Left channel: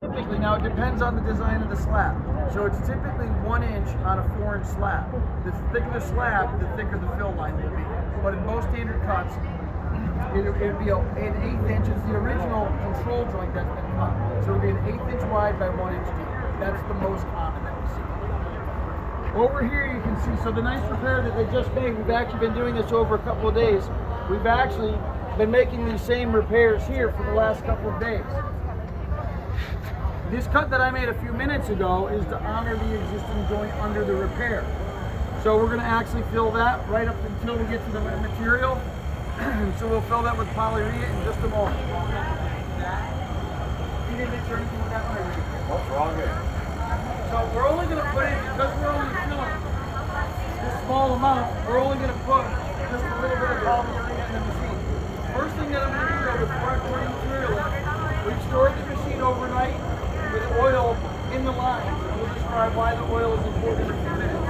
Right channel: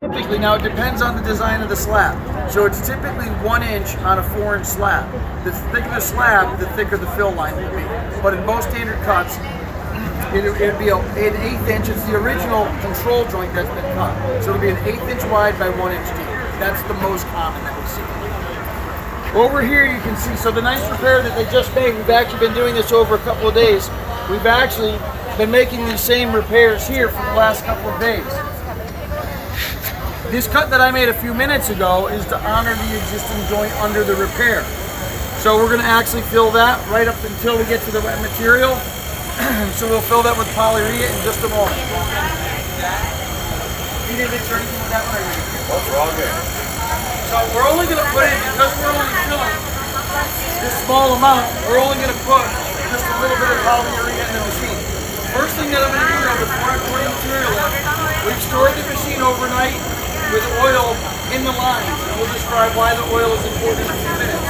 Typically, now it depends on the design of the slab. So it's typically 1 inch on a 4-inch slab. The thicker the slab, the thicker the fill line will be. But in most standard cuts, it'd be an 1/8 inch. It's the original control joint that's been cut. So it'll be an 1/8 inch wide by 1 inch deep. That's the most common that we see. Over here you can see, so the nice repair that they just made, we've actually been doing this over a couple of days. We've actually been making these same repairs here for the last couple of days. This cut that I made a few minutes ago is to honor the existing joint under the repair. So we're going to actually fill that right up until we get to the wet material. So we'll fill that with polyurea in just a moment. So we're only going to put in, because we're only filling this small amount, we're only going to put just a little bit of polyurea in the machine. First thing that I'm going to do though, before I pour the material in, we've stored the machine overnight with oil in the lines. And we'll describe why the oil is important in a few minutes.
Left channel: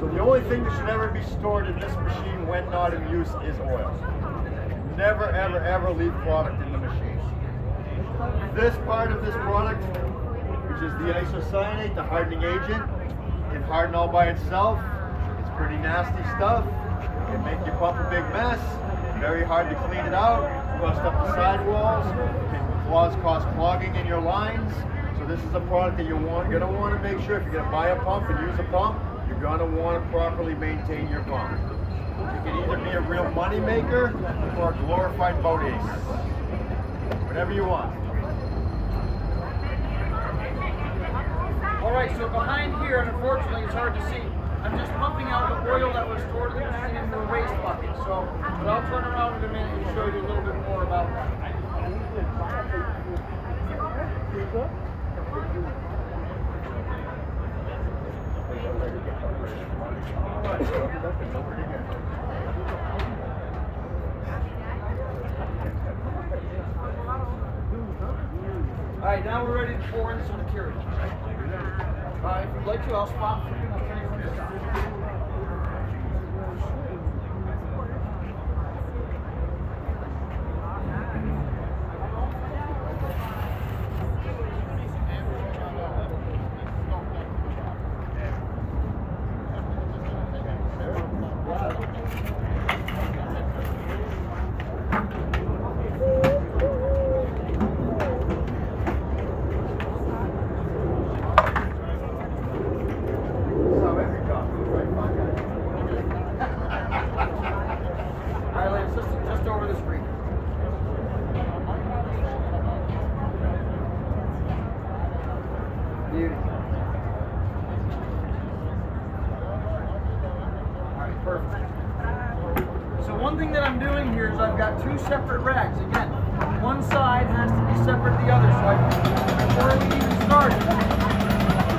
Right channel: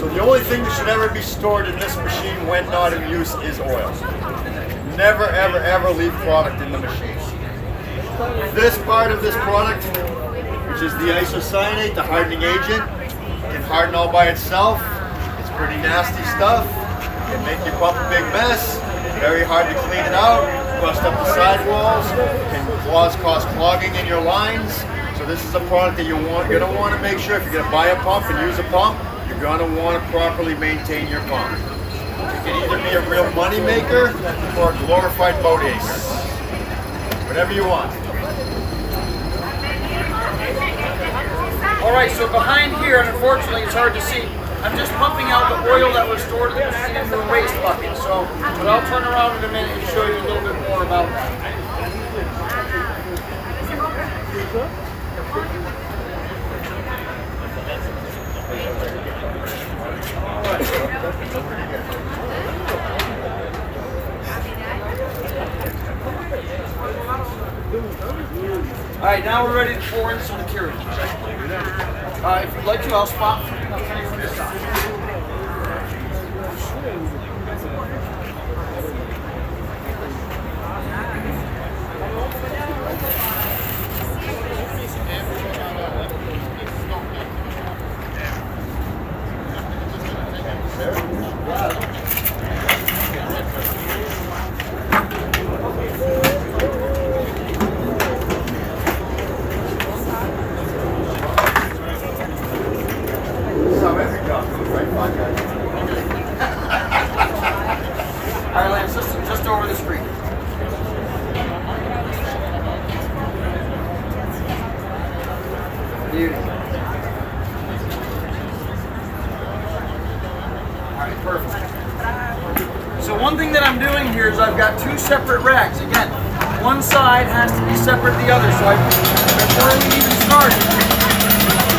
So the only thing that should ever be stored in this machine when not in use is oil. Never, ever, ever leave product in the machine. This part of this product, which is the isocyanate, the hardening agent, can harden all by itself. It's pretty nasty stuff. Can make your pump a big mess. Very hard to clean it out. Rust up the sidewalls. Can cause clogging in your lines. So this is a product that you're going to want to make sure if you're going to buy a pump and use a pump, you're going to want to properly maintain your pump. It can either be a real money maker or a glorified boat ace. Whatever you want. All right, so behind here, and unfortunately it's hard to see, I'm just pumping out the oil that was stored in the machine into the waste bucket. So, but I'll turn around in a minute and show you a little bit more about that. All right, now we're ready to pour in some material. If you'd like to, I'll spot from this side. All right, Lance, just over the screen. Beauty. All right, perfect. So one thing that I'm doing here is I've got 2 separate racks. Again, one side has to be separate the other. So before we even started,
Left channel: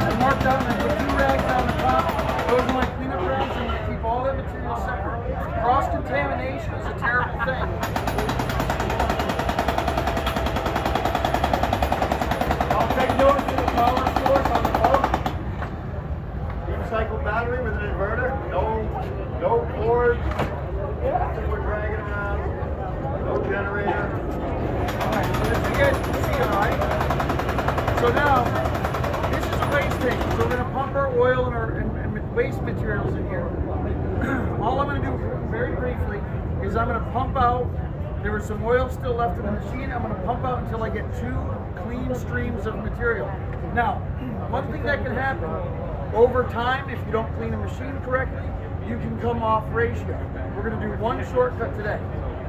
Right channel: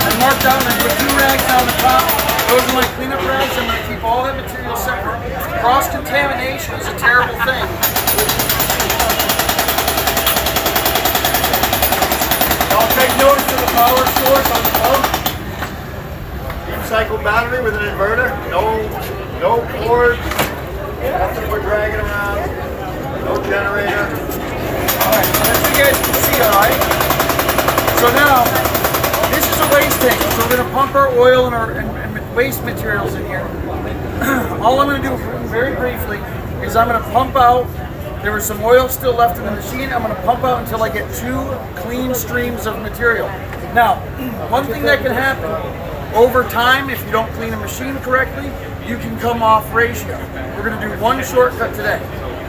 I marked down and put 2 racks down the top. Those are my cleanup rags. I'm going to keep all that material separate. Cross-contamination is a terrible thing. I'll take notice of the power source on the pump. Deep cycle battery with an inverter. No cords. Nothing we're dragging around. No generator. Alright, so as you guys can see, alright? So now, this is a waste tank. So we're going to pump our oil and our waste materials in here. All I'm going to do very briefly is I'm going to pump out. There was some oil still left in the machine. I'm going to pump out until I get 2 clean streams of material. Now, one thing that can happen over time, if you don't clean a machine correctly, you can come off ratio. We're going to do one shortcut today.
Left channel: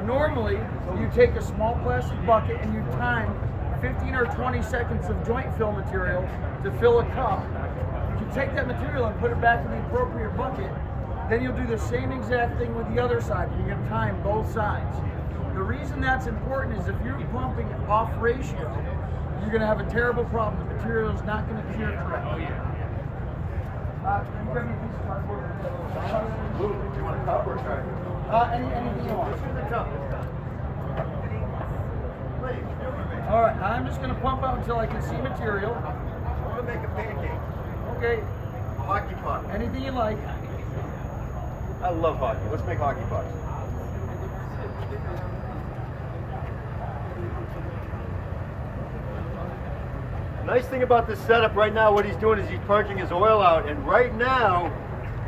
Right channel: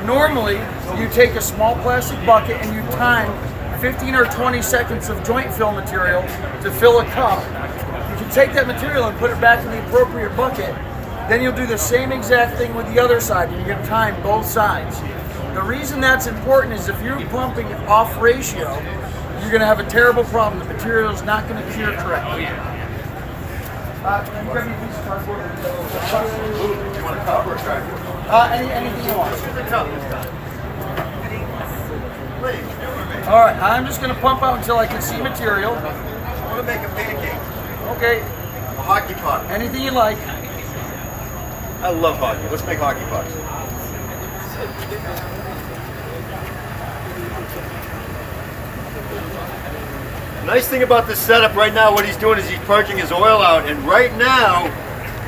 Normally, you take a small plastic bucket and you time 15 or 20 seconds of joint fill material to fill a cup. You can take that material and put it back in the appropriate bucket. Then you'll do the same exact thing with the other side, and you're going to time both sides. The reason that's important is if you're pumping off ratio, you're going to have a terrible problem. The material is not going to cure correctly. Anything you want. All right, I'm just going to pump out until I can see material. I want to make a pancake. Okay. A hockey puck. Anything you like. I love hockey. Let's make hockey pucks. Nice thing about this setup right now, what he's doing is he's purging his oil out, and right now,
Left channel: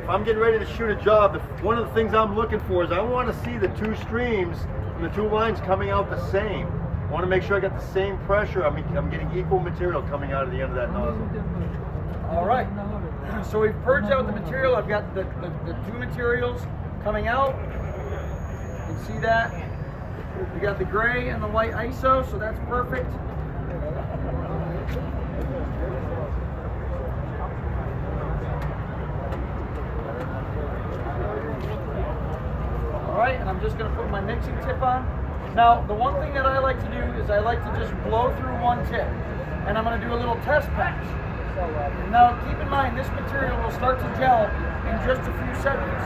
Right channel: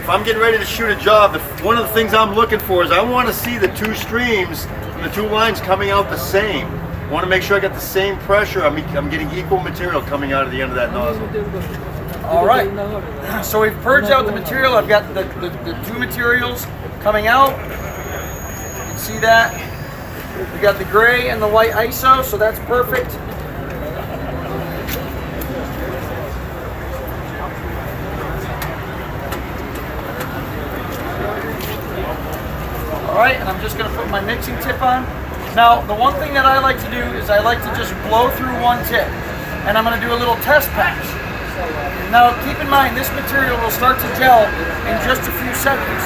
if I'm getting ready to shoot a job, one of the things I'm looking for is I want to see the two streams and the two lines coming out the same. I want to make sure I got the same pressure. I'm getting equal material coming out of the end of that nozzle. All right. So we've purged out the material. I've got the two materials coming out. You can see that. We got the gray and the white ISO, so that's perfect. All right, and I'm just going to put my mixing tip on. Now, the one thing that I like to do is I like to just blow through one tip, and I'm going to do a little test pass. Now, keep in mind, this material will start to gel in just a few seconds,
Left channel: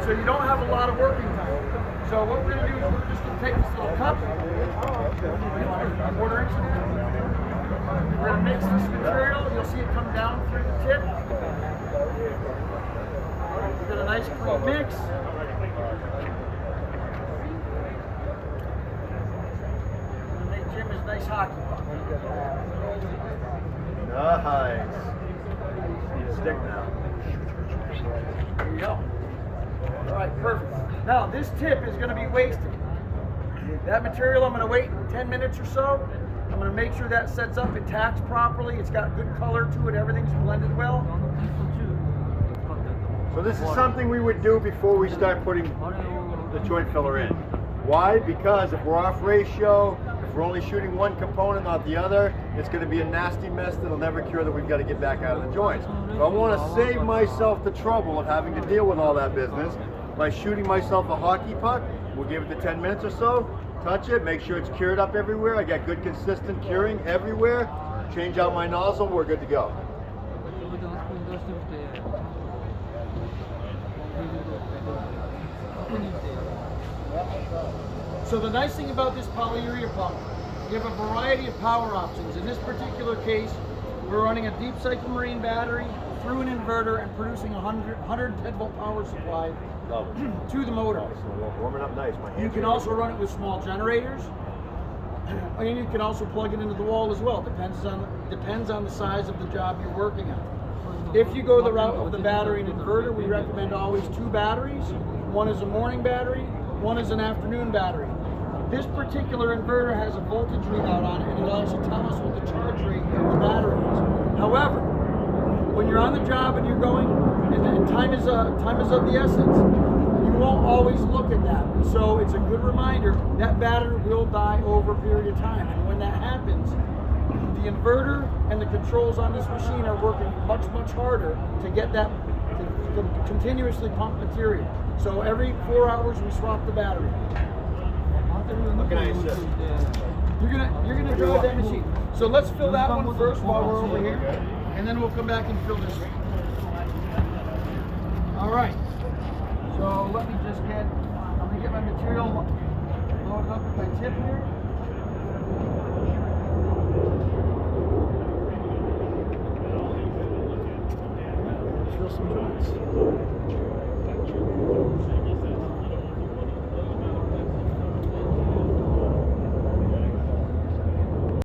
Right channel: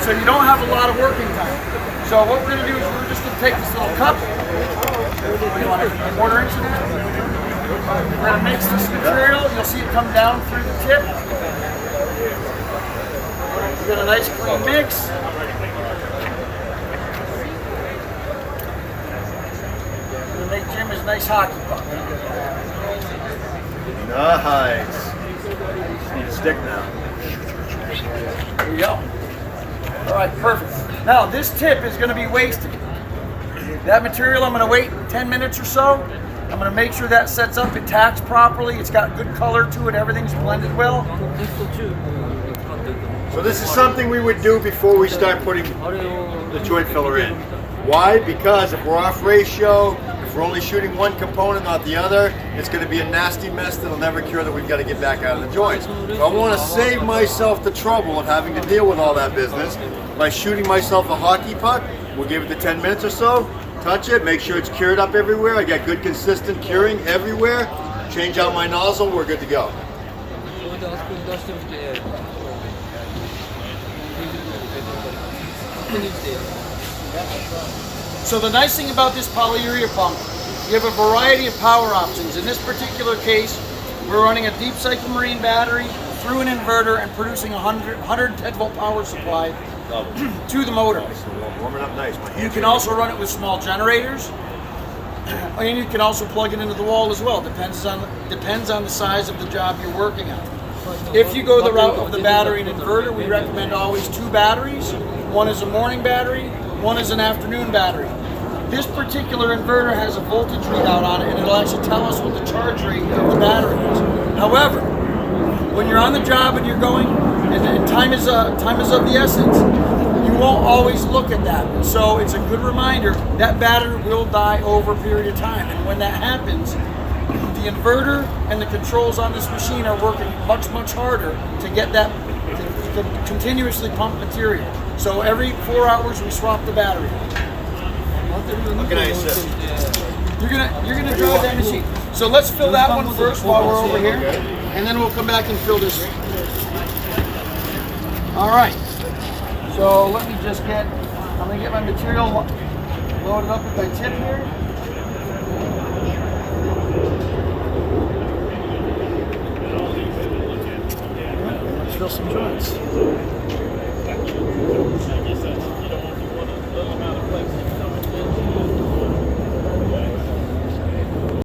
so you don't have a lot of working time. So what we're going to do is we're just going to take this little cup. What do you want, a quarter inch? We're going to mix this material. You'll see it come down through the tip. We got a nice clean mix. We're going to make Jim his nice hockey puck. Nice. Need a stick now. There you go. All right, perfect. Now this tip is going to be wasted. That material, I'm going to wait 10 minutes or so. I'm going to make sure that sets up, it tacks properly, it's got good color to it, everything's blended well. So this is something we would do before we start putting the joint filler in. Why? Because if we're off ratio, if we're only shooting one component, not the other, it's going to be a nasty mess that'll never cure that we've got to get back out of the joints. I want to save myself the trouble of having to deal with all that business by shooting myself a hockey puck. We'll give it the 10 minutes or so, touch it, make sure it's cured up everywhere. I got good consistent curing everywhere. Change out my nozzle, we're good to go. So the nice thing about this polyurea pump, you have a variety of power options. In this particular case, we're running a deep cycle marine battery through an inverter and producing a 110 volt power supply to the motor. Warming up nice. You can also run it with small generators, and you can also plug it into the wall as well. Depends on the size of the job you're working on. If you go the route of the battery and inverter, we recommend always two batteries. One is a morning battery, one is an afternoon battery. This particular inverter has a voltage readout on it, and it'll actually tell us what the charge rate of the battery is. However, when you're on the job and you're going, and time is of the essence, you won't always look at that. So it's a good reminder that battery will die over a period of time, and when that happens, the inverter and the controls on this machine are working much, much harder to get that to continuously pump material. So every 4 hours we swap the battery. What can I assist? You're gonna drive that machine. So let's fill that one first while we're over here, and then we'll come back and fill this. All right. So let me just I'm gonna get my material loaded up with my tip here. Let's fill some joints.